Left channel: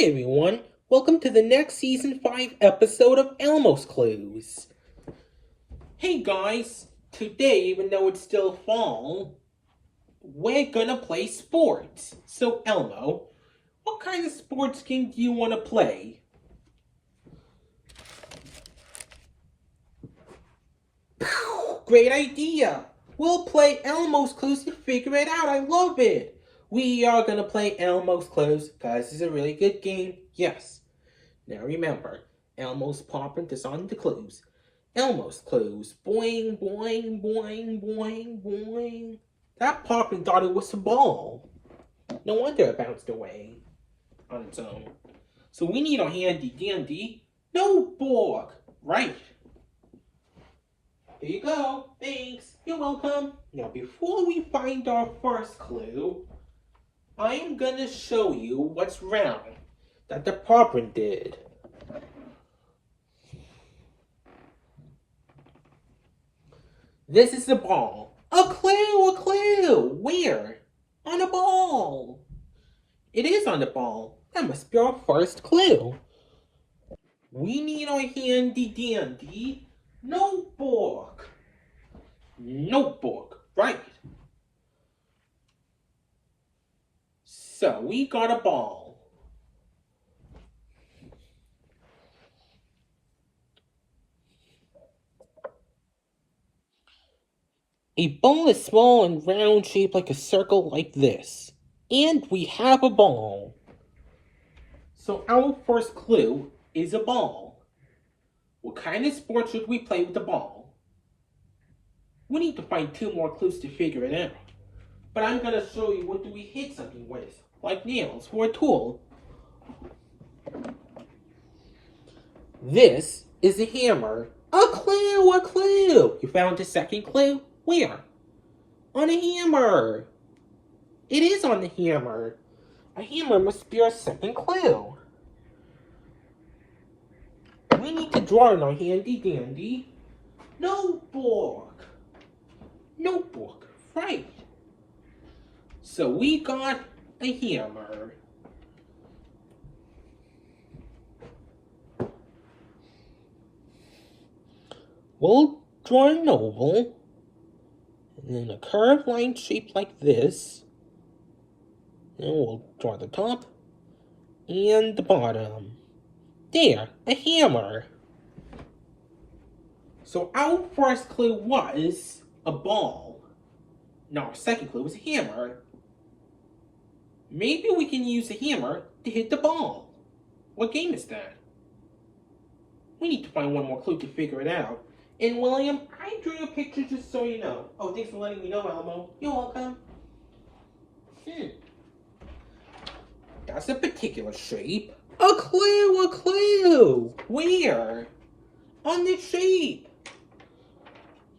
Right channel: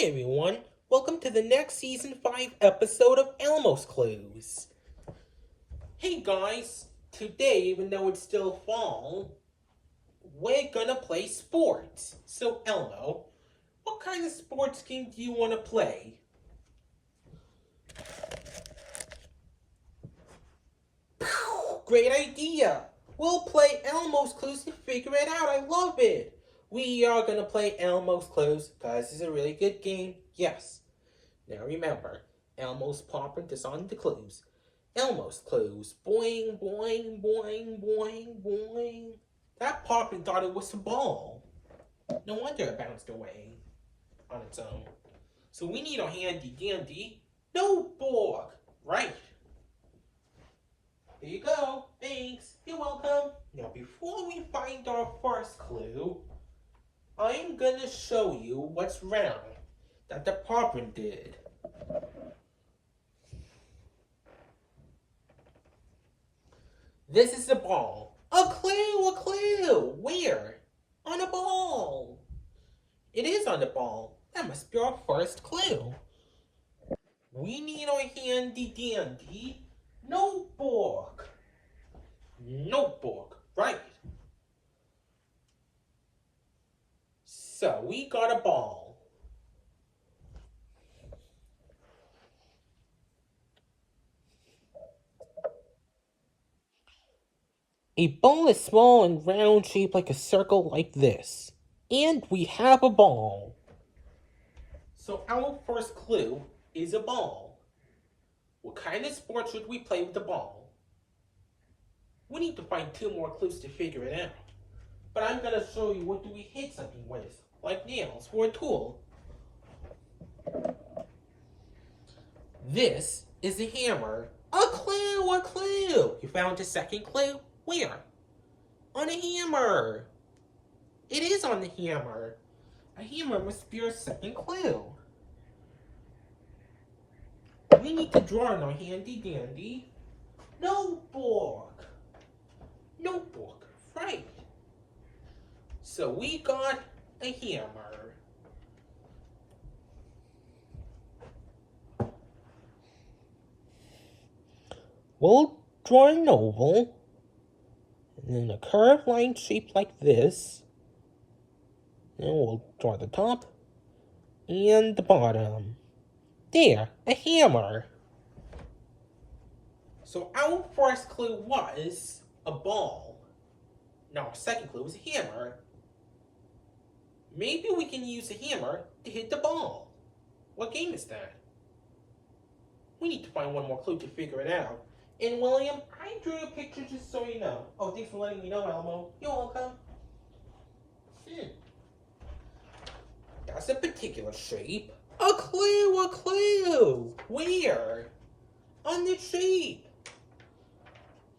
Hey everyone, welcome to the next season 5 episode of Elmo's Clues. Hey guys, today, even though it's still fall, we're gonna play sports. So Elmo, what kind of sports game do you want to play? Great idea! We'll play Elmo's Clues to figure it out. I love it! We are gonna play Elmo's Clues because it's a really good game. Yes. Now remember, Elmo's pawprint is on the clues. Elmo's clues. Boing, boing, boing, boing, boing. That pawprint thought it was a ball. No wonder it bounced away on its own. So we need a handy dandy notebook. Right. Here you go. Thanks. You're welcome. Now before we find our first clue, I'm gonna show you what's round that the pawprint did. This is the ball. A clue, a clue. Where? On a ball. It is on the ball. That must be our first clue. We need our handy dandy notebook. Notebook, right. So we got a ball. A ball is small and round, shaped like a circle like this. And we have a ball. So our first clue is a ball. What kind of sport should we play with the ball? We need to find 2 more clues to figure it out. But I'm going to show you what do we hit something with, like nails for a tool. This is a hammer. A clue, a clue. You found the second clue? Where? On a hammer. It is on the hammer. A hammer must be our second clue. We need to draw in our handy dandy notebook. Notebook, right. So we got a hammer. We'll draw an oval, and then a curved line shaped like this. And we'll draw the top and the bottom. There, a hammer. So our first clue was a ball. Now our second clue was a hammer. Maybe we can use a hammer to hit the ball. What game is that? We need to find one more clue to figure it out. And William, I drew a picture just so you know. Oh, thanks for letting me know, Elmo. You're welcome. That's a particular shape. A clue, a clue. Where? On the shape.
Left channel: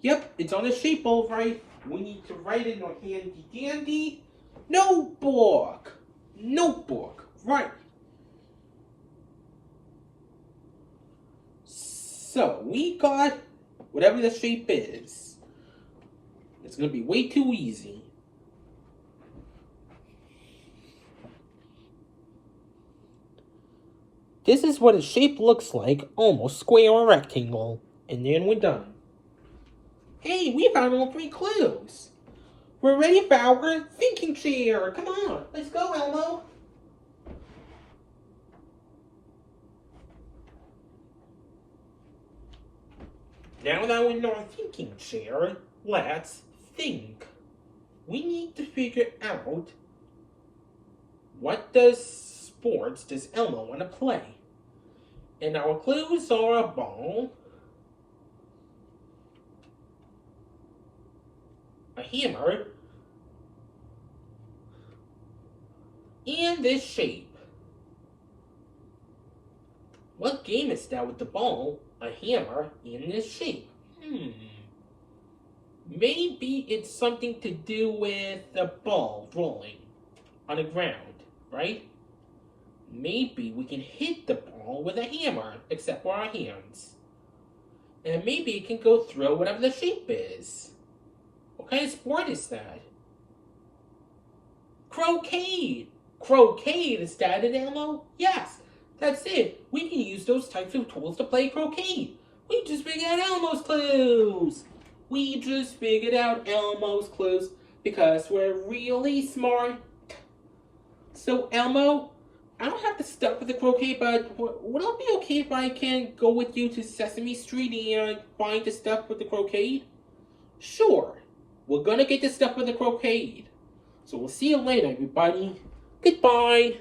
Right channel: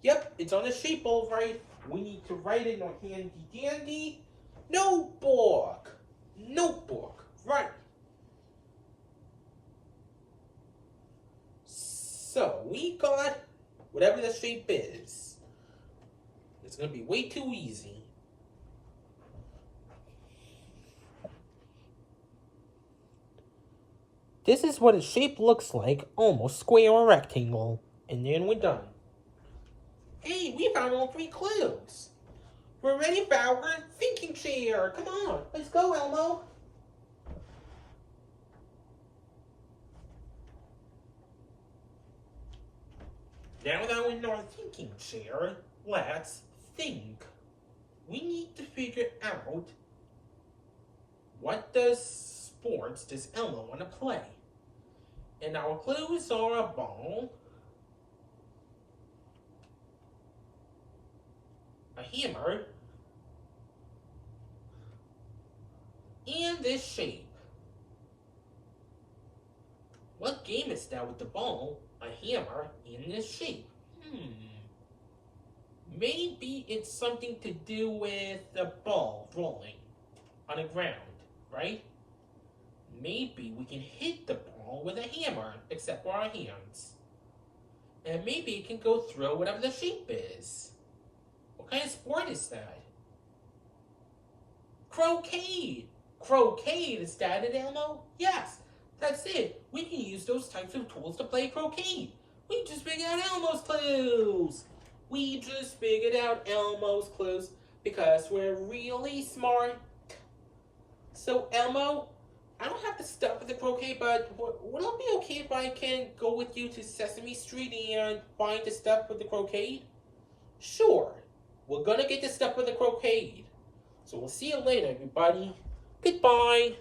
Yep, it's on the shape, all right. We need to write in our handy dandy notebook. Notebook, right. So we got whatever the shape is. It's going to be way too easy. This is what a shape looks like, almost square or rectangle. And then we're done. Hey, we found all 3 clues. We're ready for our thinking chair. Come on, let's go, Elmo. Now that we're in our thinking chair, let's think. We need to figure out what sports does Elmo want to play. And our clues are a ball, a hammer, and this shape. What game is that with the ball, a hammer, and this shape? Maybe it's something to do with the ball rolling on the ground, right? Maybe we can hit the ball with a hammer, except for our hands. And maybe it can go through whatever the shape is. What kind of sport is that? Croquet! Croquet instead, Elmo? Yes, that's it. We can use those types of tools to play croquet. We just figured out Elmo's clues. We just figured out Elmo's clues because we're really smart. So, Elmo, I don't have the stuff for the croquet, but would it be okay if I can go with you to Sesame Street and find the stuff for the croquet? Sure. We're gonna get the stuff for the croquet. So we'll see you later, everybody. Goodbye.